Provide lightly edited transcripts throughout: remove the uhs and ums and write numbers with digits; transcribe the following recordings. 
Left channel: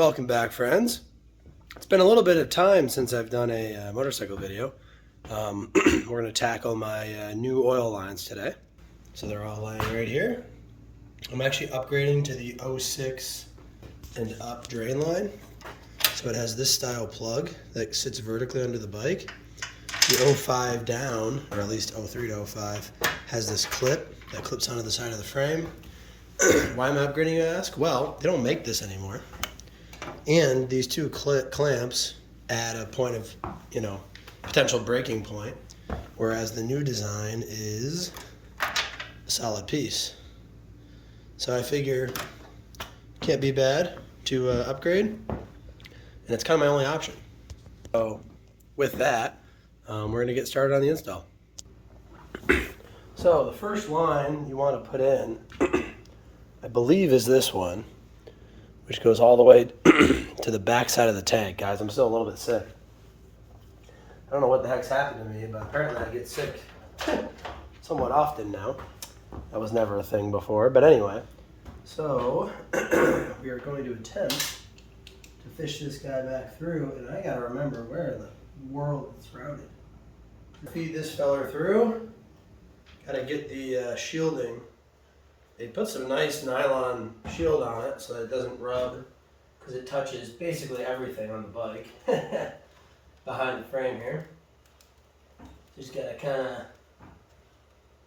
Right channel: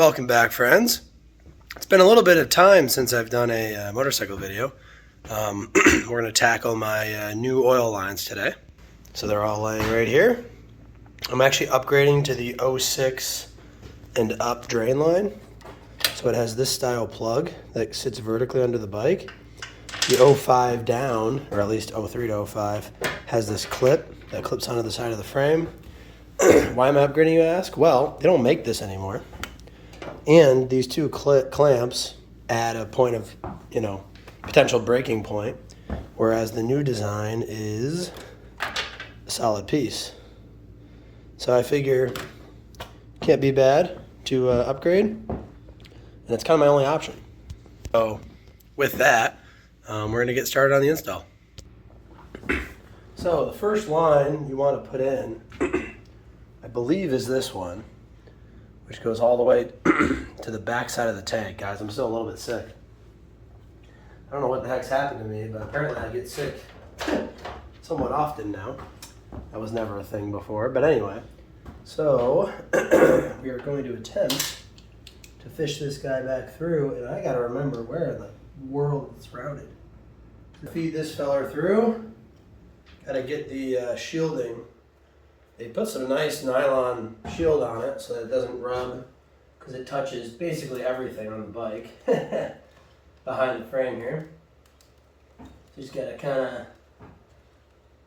Welcome back, friends. It's been a little bit of time since I've done a motorcycle video. We're going to tackle my new oil lines today. So they're all laying right here. I'm actually upgrading to the 06 and up drain line. So it has this style plug that sits vertically under the bike. The 05 down, or at least 03 to 05, has this clip that clips onto the side of the frame. Why am I upgrading, you ask? Well, they don't make this anymore. And these two clamps add a point of, potential breaking point, whereas the new design is a solid piece. So I figure can't be bad to upgrade, and it's kind of my only option. So with that, we're going to get started on the install. So the first line you want to put in, I believe, is this one, which goes all the way to the back side of the tank. Guys, I'm still a little bit sick. I don't know what the heck's happened to me, but apparently I get sick somewhat often now. That was never a thing before, but anyway. So we are going to attempt to fish this guy back through, and I gotta remember where in the world it's routed. To feed this feller through, gotta get the shielding. They put some nice nylon shield on it so that it doesn't rub, because it touches basically everything on the bike behind the frame here. Just gotta kind of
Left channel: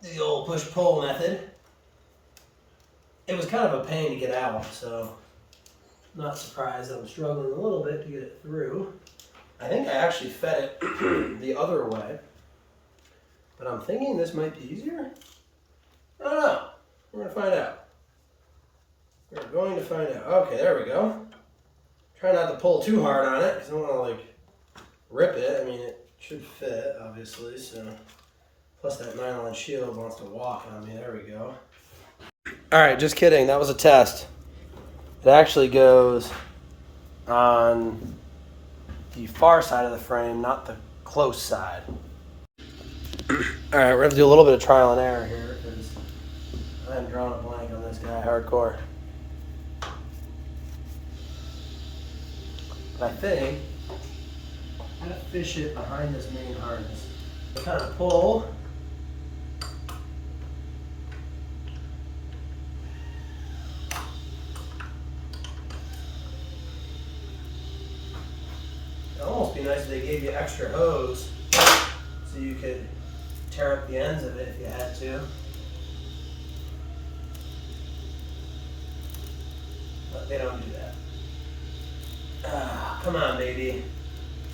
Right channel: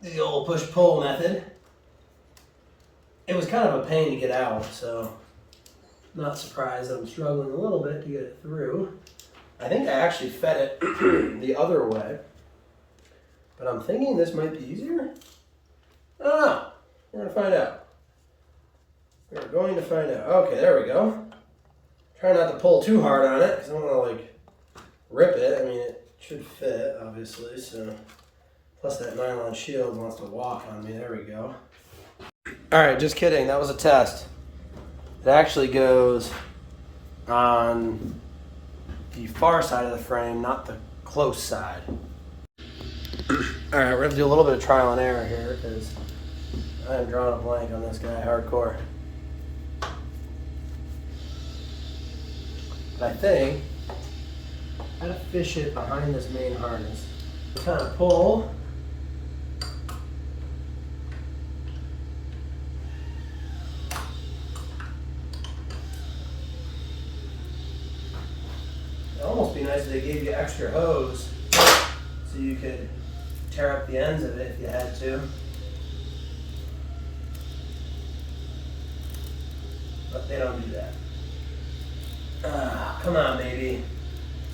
do the old push-pull method. It was kind of a pain to get out, so I'm not surprised I'm struggling a little bit to get it through. I think I actually fed it the other way, but I'm thinking this might be easier. I don't know. We're going to find out. We're going to find out. Okay, there we go. Try not to pull too hard on it because I don't want to rip it. I mean, it should fit, obviously. So, plus that nylon shield wants to walk on me. There we go. All right, just kidding. That was a test. It actually goes on the far side of the frame, not the close side. All right, we're going to do a little bit of trial and error here because I am drawing a blank on this guy hardcore. But I think I gotta fish it behind this main harness. Kind of pull. It'd almost be nice if they gave you extra hose so you could tear up the ends of it if you had to. But they don't do that. Come on, baby.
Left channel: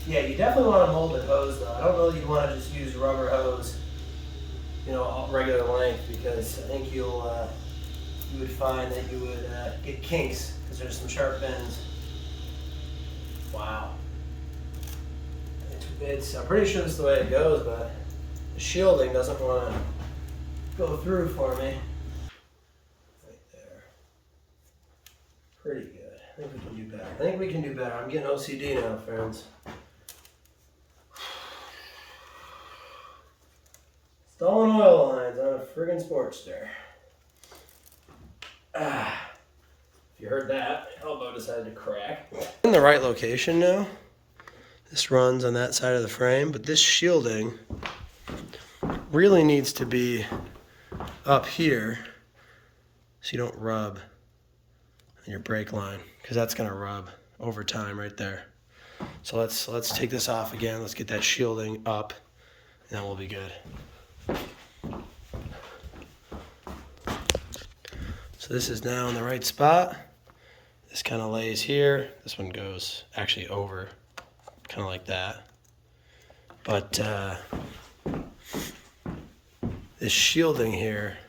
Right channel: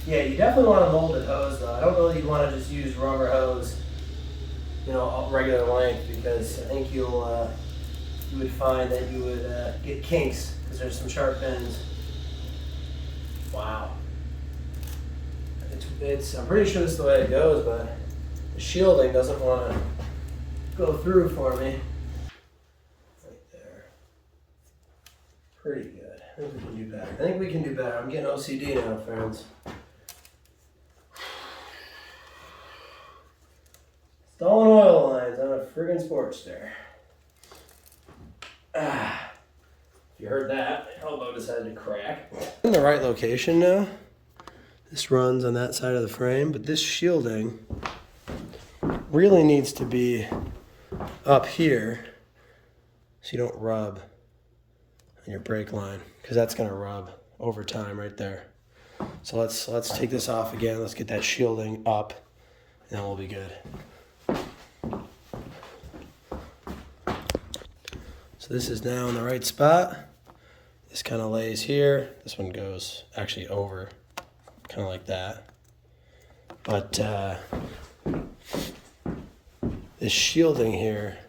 Yeah, you definitely want a molded hose, though. I don't know that you'd want to just use rubber hose, regular length, because I think you would find that you would get kinks because there's some sharp bends. Wow. I'm pretty sure this is the way it goes, but the shielding doesn't want to go through for me. Pretty good. I think we can do better. I think we can do better. I'm getting OCD now, friends. Installing oil lines on a friggin' Sportster. If you heard that, my elbow decided to crack. In the right location now. This runs on that side of the frame, but this shielding really needs to be up here so you don't rub your brake line, because that's going to rub over time right there. So let's take this off again. Let's get that shielding up, and then we'll be good. So this is now in the right spot. This kind of lays here. This one goes actually over, kind of like that. But this shielding here,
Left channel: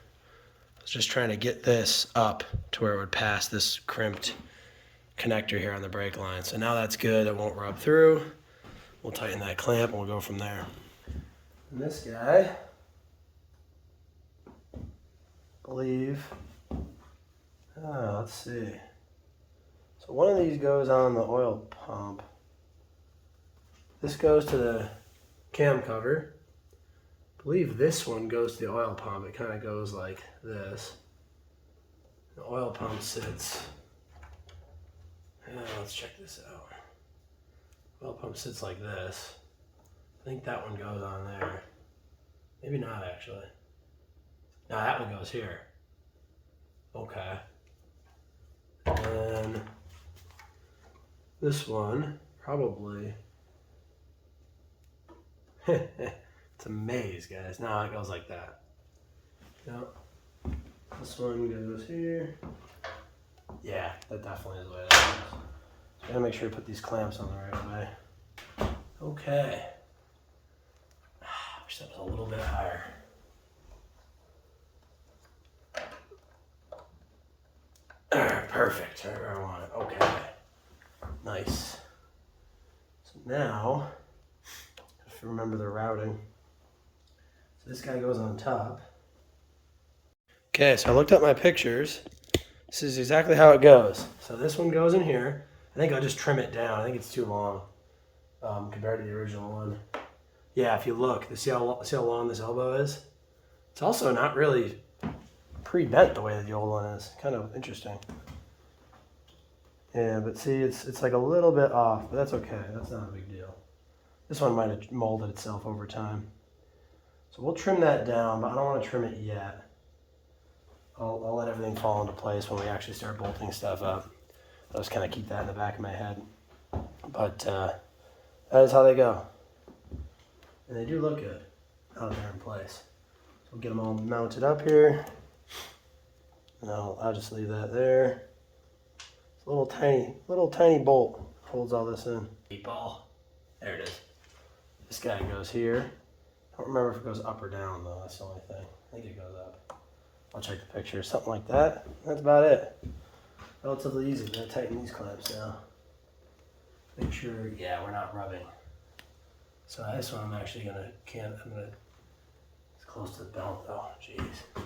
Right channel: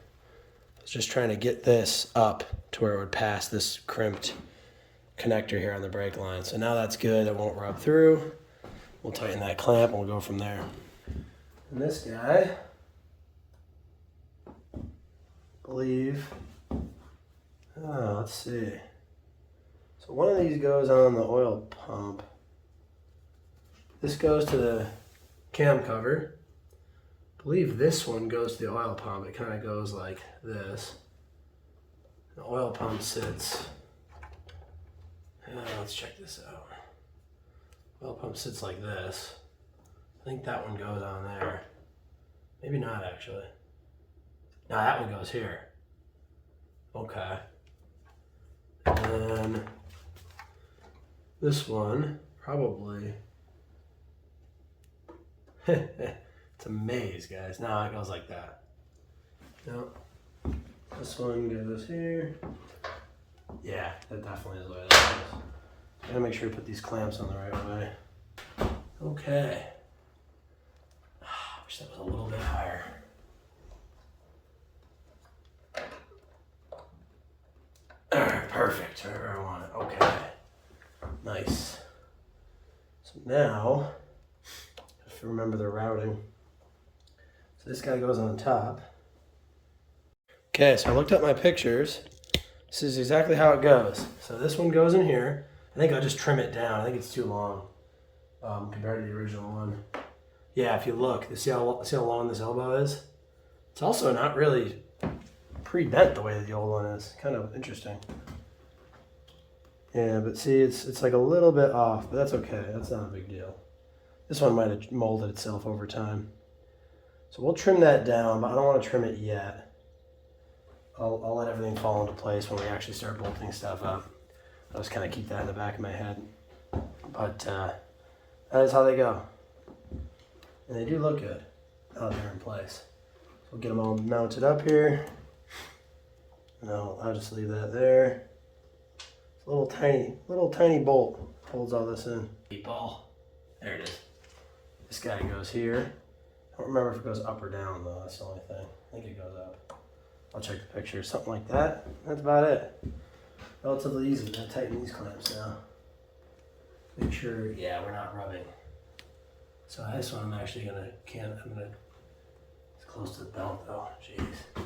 just trying to get this up to where it would pass this crimped connector here on the brake line. So now that's good, it won't rub through. We'll tighten that clamp and we'll go from there. And this guy, I believe, let's see. So one of these goes on the oil pump. This goes to the cam cover. I believe this one goes to the oil pump. It kind of goes like this. The oil pump sits Let's check this out. Oil pump sits like this. I think that one goes on there. Maybe not actually. No, that one goes here. Okay. And this one probably. It's a maze, guys. No, it goes like that. No. This one goes here. Yeah, that definitely is the way that goes. I gotta make sure you put these clamps on the right way. Okay. I wish that was a little bit higher. Alright, perfect. Right where I want it. Okay. Nice. So now, if you remember the routing. So this guy goes on top. Okay, so I looked up my pictures. This is exactly how it goes. So this one goes in here. I think I'll just trim it down. I think it's too long compared to the original one. Yeah, if you look, see how long this elbow is? It's also not really pre-bent the way that the old one is. Kind of interesting. Yeah, but see, it's like a little bit off, but that's okay. That's not a big deal. This one might have molded itself over time. So we'll trim that down, but I don't want to trim it yet. I'll let everything fall into place when we actually start bolting stuff up. I'll just kind of keep that in the back of my head. But that is how they go. And they do look good out there in place. So we'll get them all mounted up here. And I'll just leave that there. It's a little tiny bolt holds all this in. Ball. There it is. This guy goes here. I don't remember if it goes up or down though. That's the only thing. I think it goes up. I'll check the picture. Something like that. That's about it. Relatively easy. I'm gonna tighten these clamps now. Make sure, yeah, we're not rubbing. So this one I'm actually gonna it's close to the belt though. Jeez.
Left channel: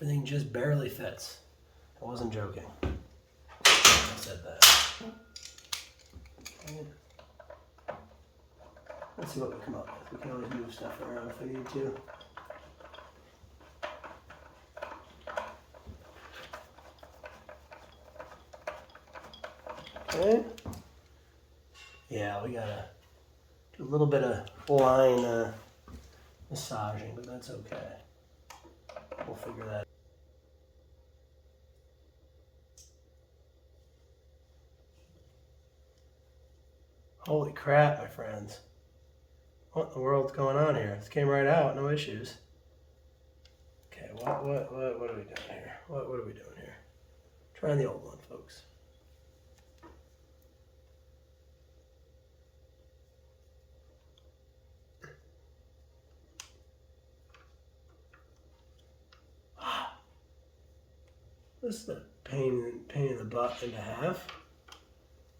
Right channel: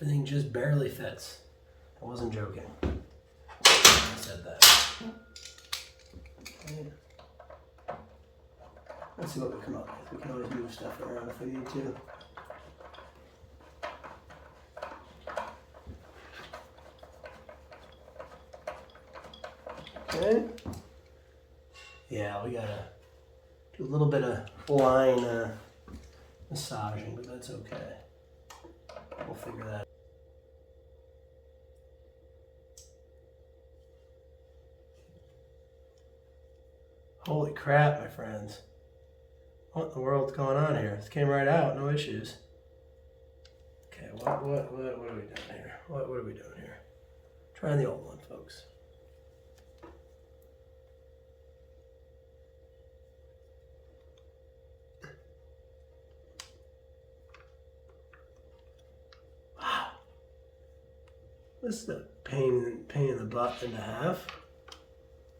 Everything just barely fits. I wasn't joking. I said that. Okay. Let's see what we come up with. We can always move stuff around if we need to. Okay. Yeah, we gotta do a little bit of line massaging, but that's okay. We'll figure that out. Holy crap, my friends. What in the world's going on here? This came right out, no issues. Okay, what are we doing here? What are we doing here? Trying the old one, folks. Wow. This is a pain in the butt and a half.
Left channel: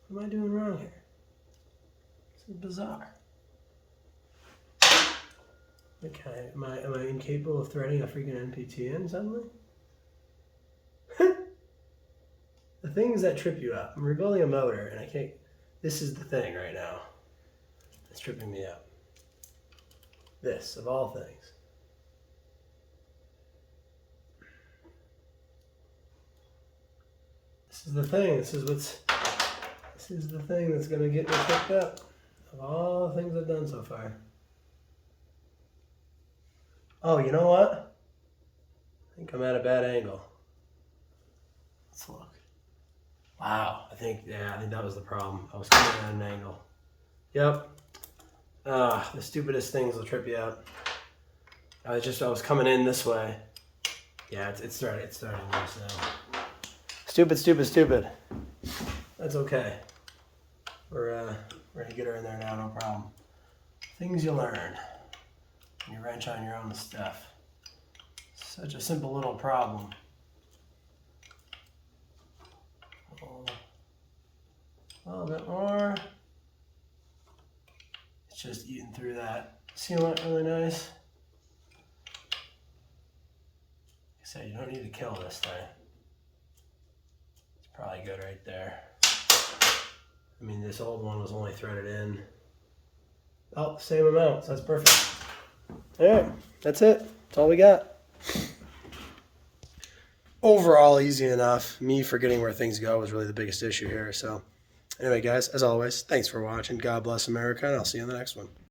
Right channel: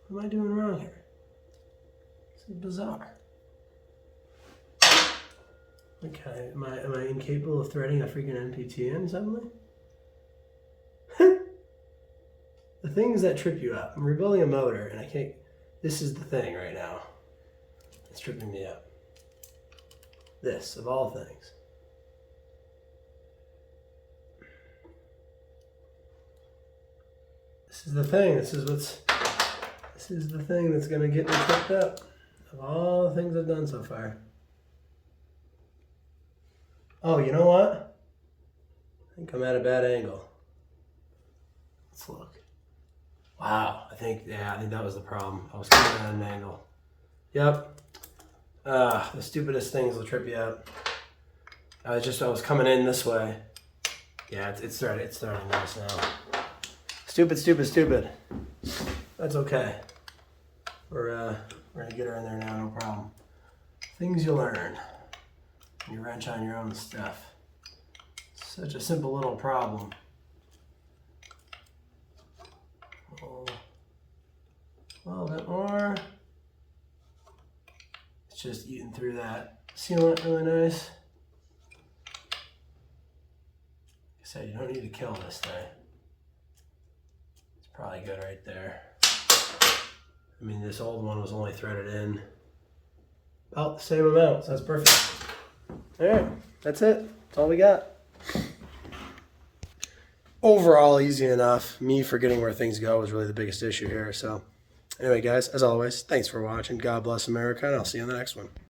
What am I doing wrong here? This is bizarre. Okay, am I incapable of threading a freaking NPT in suddenly? The things that trip you up. I'm rebuilding a motor and I can't. This is the thing right now. It's tripping me up. This, of all things. This is the thing. This is the thing that's gonna get me tripped up. Of all the things I've done so far. Oh, you know what? I think I'm at a bad angle. Let's look. Wow, I think that was the problem. I was coming at an angle. Yep. The stupidest things will trip you up. I was coming in this way. Yeah, it's starting nice now. Stupid. That's okay. We're gonna get her in there now, no problem. Things you learn. You wrench on your own stuff. Such a simple little problem. A little bit more. It's just eating through that sealant really nice. Like I said, you don't need to kill this thing. It's probably good right there. I mean, this old one was only threaded in about the same amount, so that's perfect. All right, that's it. That's all we got. overall easy enough. Me forgetting where things go was really the biggest issue here. So anyway, guys, as always, thanks for watching. God bless America, and I'll see you on the next one.